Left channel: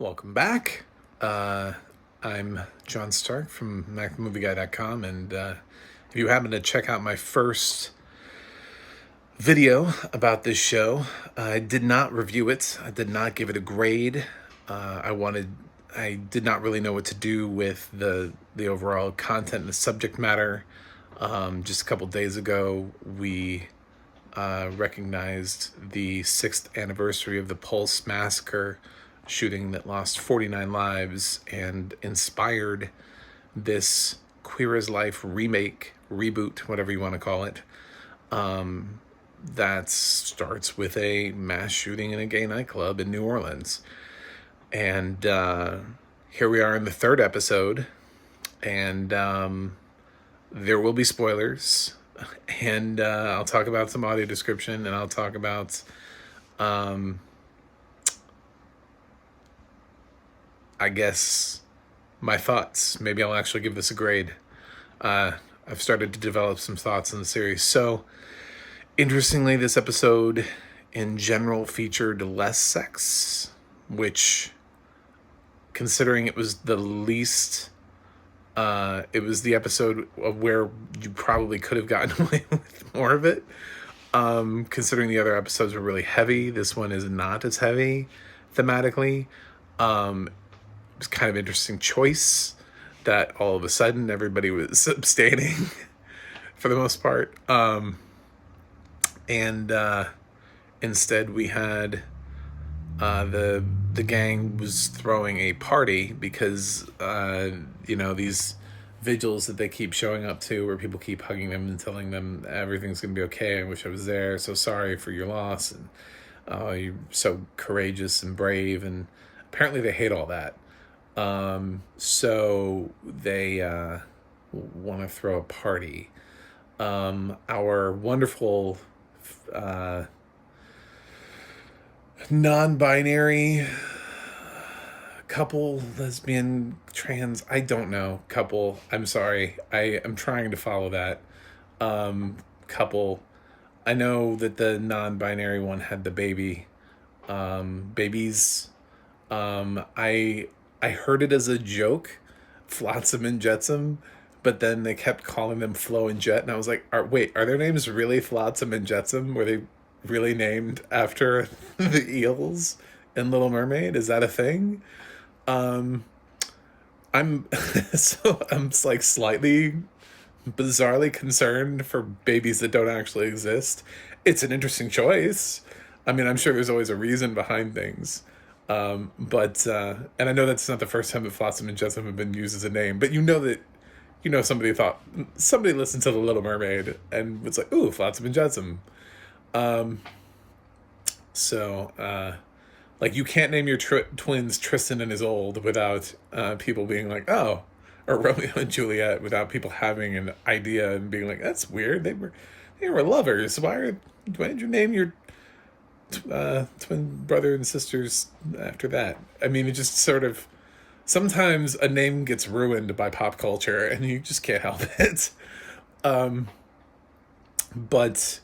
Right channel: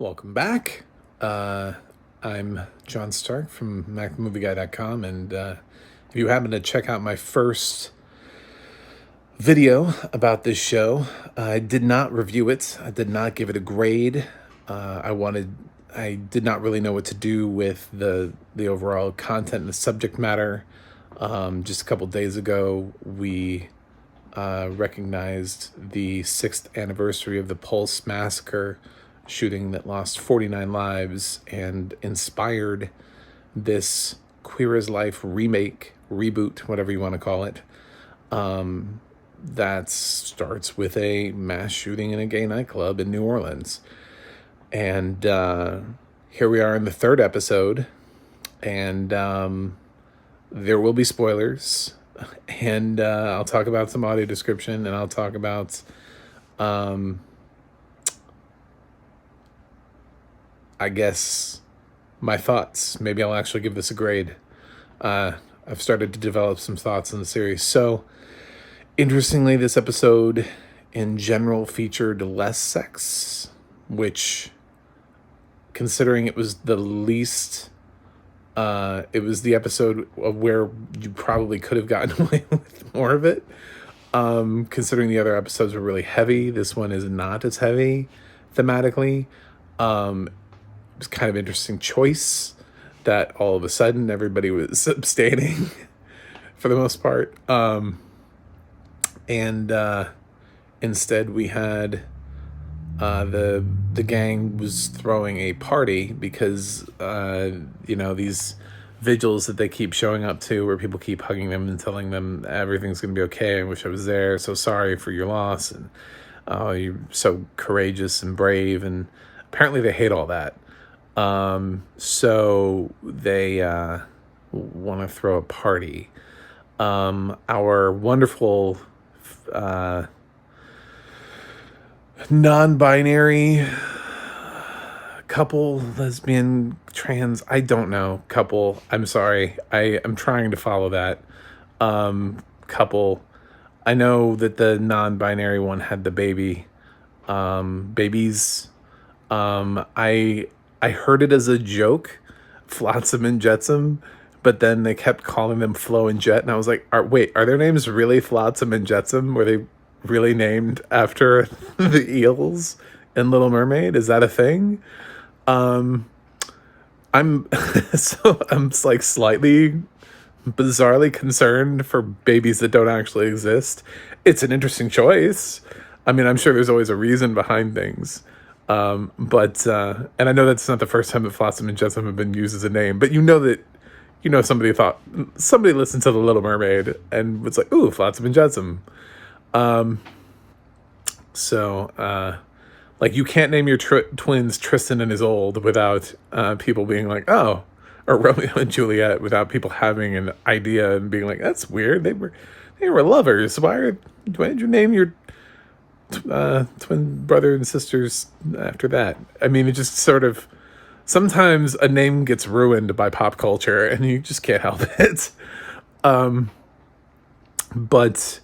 Welcome back. I'm John Stark from movieguy.com, and if you happen to check out my first video about this show, I did not review it. I did not give it a grade. I did not really know what to do with the overall content and the subject matter. Just a couple days ago, we recognized the 6th anniversary of the Pulse Massacre shooting that lost 49 lives and inspired this Queer as Life remake, reboot, whatever you want to call it, that starts with a mass shooting in a gay nightclub in New Orleans. And here we are in the 3rd episode, and there will be spoilers, and I'll talk about some audio description, and I'll talk about I guess my thoughts. Maybe I'll actually give this a grade. I've started to develop some thoughts on the series. So, interestingly, this episode in general featured less sex, which, considering it was the least, it was the episode of where you probably could have gotten away with more of it. Considering the other episodes were really heavy, this one is not as heavy thematically. It was kind of interesting choice that all of a sudden everybody was abstaining for the most part. Instead we had the gang was throwing a party because these vigils that they keep showing up to, where people keep hugging them and telling them everything's gonna be okay. I wish I was there. So sorry for your loss, and you're so courageous and brave. And apparently they hate all that. So they want to throw a party. Our wonderful non-binary couple, lesbian, trans, I don't know, couple, I'm sorry, I'm trying to follow that, couple. I know that the non-binary one had the babies. I heard it as a joke, Flotsam and Jetsam, but then they kept calling them Flo and Jet, and I was like, wait, are their names really Flotsam and Jetsam? Were they really named after the eels in Little Mermaid? Is that a thing? I'm like slightly bizarrely concerned for babies that don't actually exist. It's an interesting choice. I mean, I'm sure there's always a reason behind things. And I know that's not the first time that Flotsam and Jetsam have been used as a name, but somebody listened to The Little Mermaid and was like, ooh, Flotsam and Jetsam. You can't name your twins Tristan and Isolde without people being like, oh, or Romeo and Juliet, without people having an idea and being like, that's weird. They were lovers. Why did you name your twin brother and sisters after that? I mean, it just sort of, sometimes a name gets ruined by pop culture and you just can't help it. But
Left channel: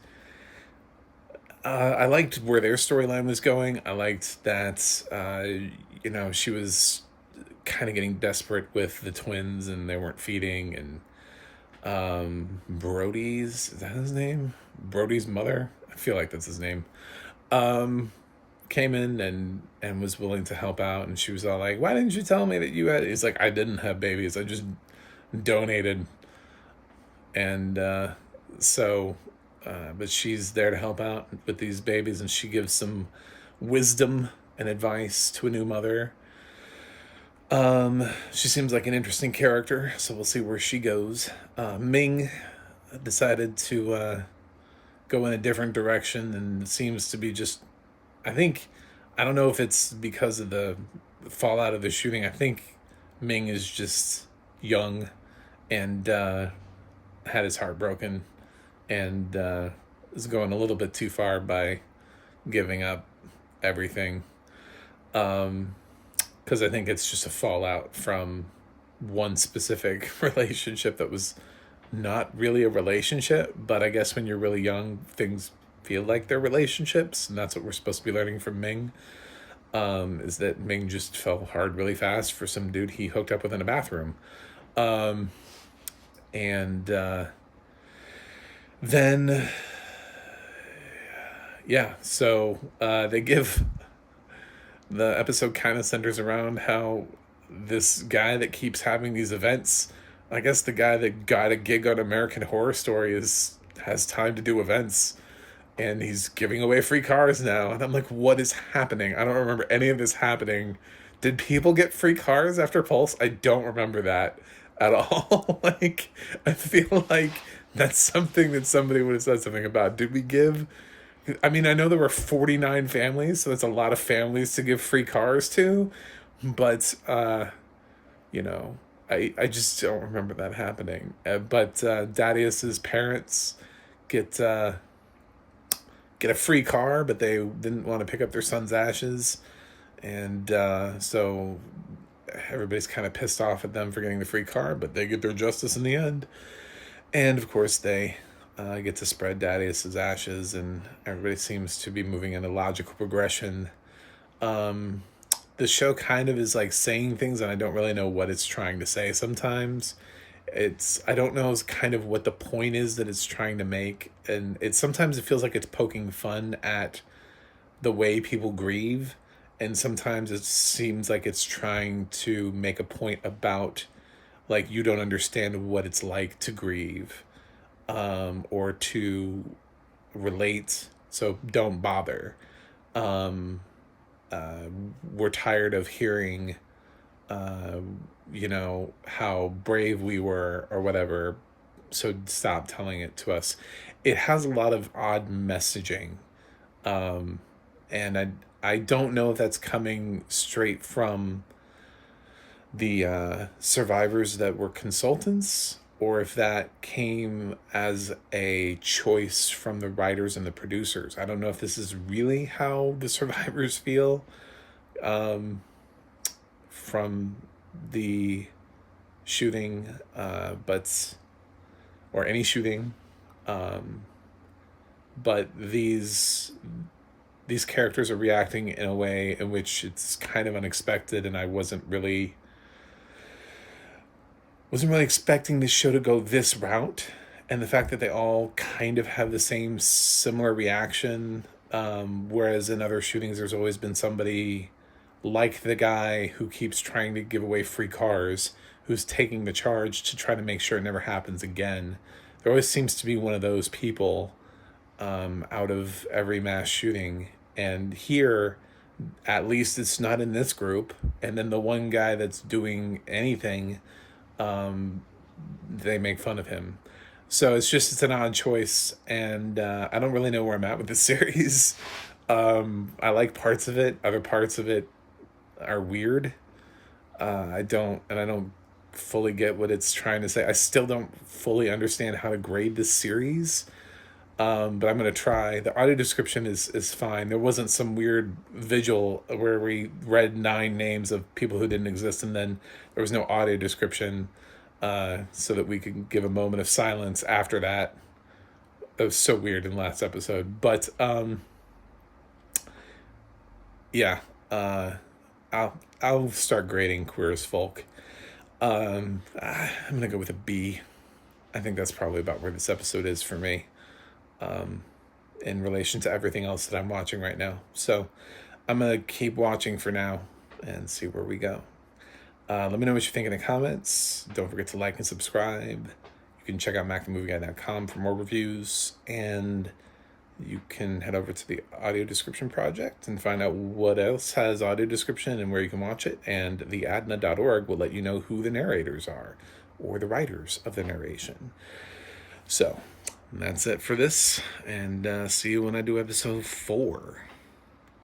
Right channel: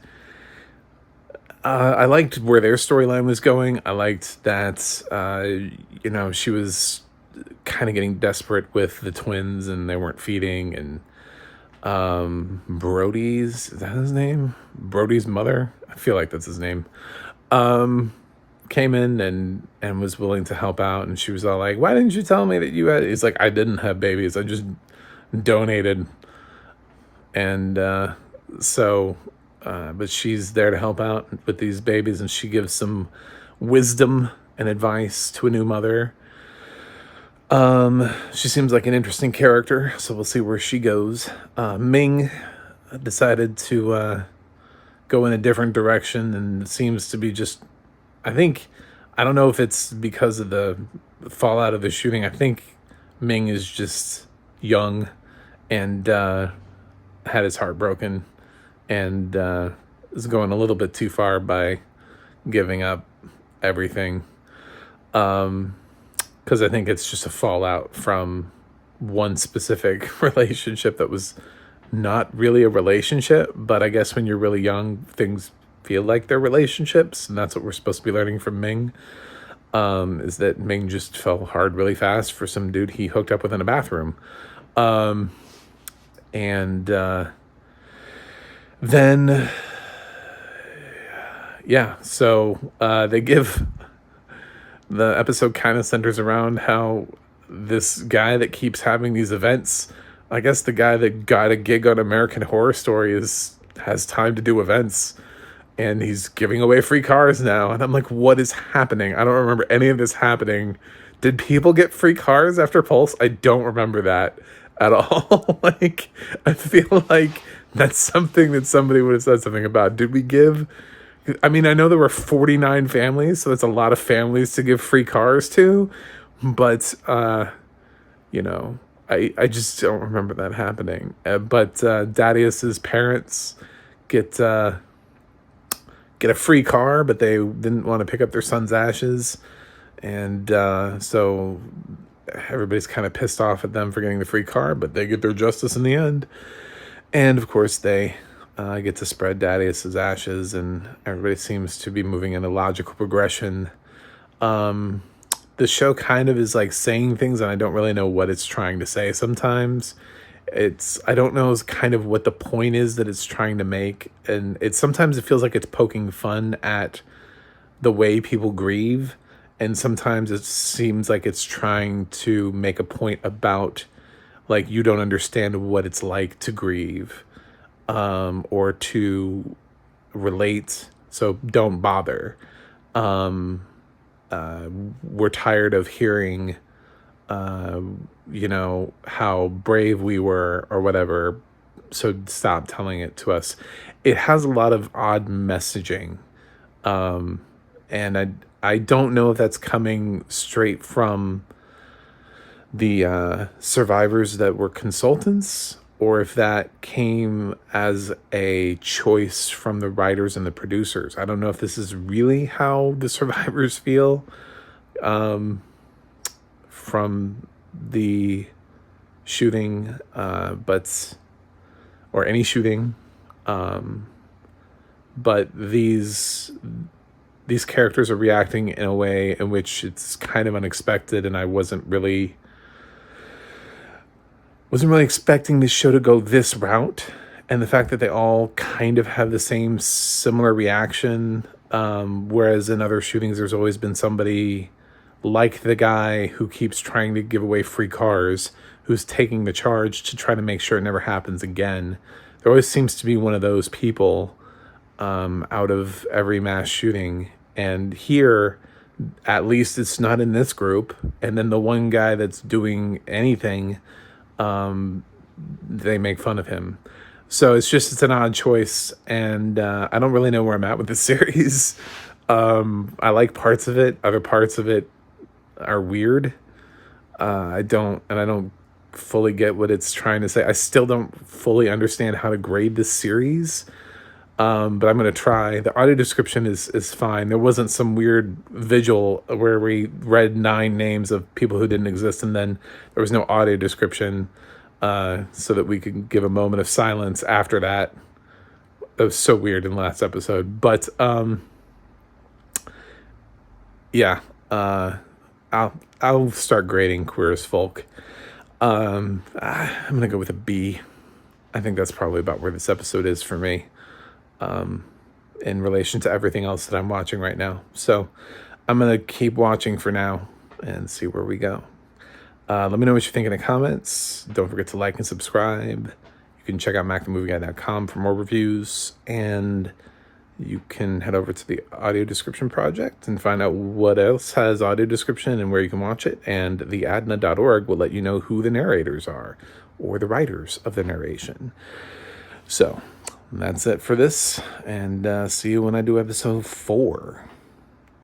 I liked where their storyline was going. I liked that, she was kind of getting desperate with the twins and they weren't feeding, and Brody's, is that his name? Brody's mother? I feel like that's his name. Came in and was willing to help out, and she was all like, why didn't you tell me that you had, he's like, I didn't have babies, I just donated. And but she's there to help out with these babies, and she gives some wisdom and advice to a new mother. She seems like an interesting character, so we'll see where she goes. Ming decided to go in a different direction, and it seems to be just, I don't know if it's because of the fallout of the shooting. I think Ming is just young and had his heart broken, and is going a little bit too far by giving up everything. Because I think it's just a fallout from one specific relationship that was not really a relationship, but I guess when you're really young, things feel like they're relationships, and that's what we're supposed to be learning from Ming. is that Ming just fell hard really fast for some dude he hooked up with in a bathroom. And then, yeah, so they give, the episode kind of centers around how this guy that keeps having these events, I guess the guy that got a gig on American Horror Story has time to do events, and he's giving away free cars now. And I'm like, what is happening? I don't remember any of this happening. Did people get free cars after Pulse? I don't remember that at all. Like, I feel like that's something that somebody would have said something about. Did we give, I mean, I know there were 49 families, so that's a lot of families to give free cars to, but, you know, I just don't remember that happening. But Darius's parents get a free car, but they didn't want to pick up their son's ashes. And so everybody's kind of pissed off at them for getting the free car, but they get their justice in the end. And of course, they get to spread Darius's ashes, and everybody seems to be moving in a logical progression. The show kind of is like saying things, and I don't really know what it's trying to say sometimes. I don't know kind of what the point is that it's trying to make. And sometimes it feels like it's poking fun at the way people grieve. And sometimes it seems like it's trying to make a point about, like, you don't understand what it's like to grieve, or to relate, so don't bother. We're tired of hearing, you know, how brave we were or whatever, so stop telling it to us. It has a lot of odd messaging, and I don't know if that's coming straight from the survivors that were consultants, or if that came as a choice from the writers and the producers. I don't know if this is really how the survivors feel from the shooting, or any shooting, but these characters are reacting in a way in which it's kind of unexpected, and I wasn't really expecting this show to go this route. And the fact that they all kind of have the same similar reaction, whereas in other shootings there's always been somebody like the guy who keeps trying to give away free cars, who's taking the charge to try to make sure it never happens again. There always seems to be one of those people out of every mass shooting. And here, at least it's not in this group. And then the one guy that's doing anything, they make fun of him. So it's an odd choice, and I don't really know where I'm at with the series. I like parts of it. Other parts of it are weird. I don't fully get what it's trying to say. I still don't fully understand how to grade this series, but I'm going to try. The audio description is fine. There wasn't some weird vigil where we read 9 names of people who didn't exist, and then there was no audio description, so that we could give a moment of silence after that. That was so weird in the last episode. But yeah, I'll start grading Queer as Folk. I'm gonna go with a B. I think that's probably about where this episode is for me, in relation to everything else that I'm watching right now. So I'm gonna keep watching for now and see where we go. Let me know what you think in the comments. Don't forget to like and subscribe. You can check out MacTheMovieGuy.com for more reviews, and you can head over to the audio description project and find out what else has audio description and where you can watch it. And theadna.org will let you know who the narrators are, or the writers of the narration. So that's it for this, and see you when I do episode 4.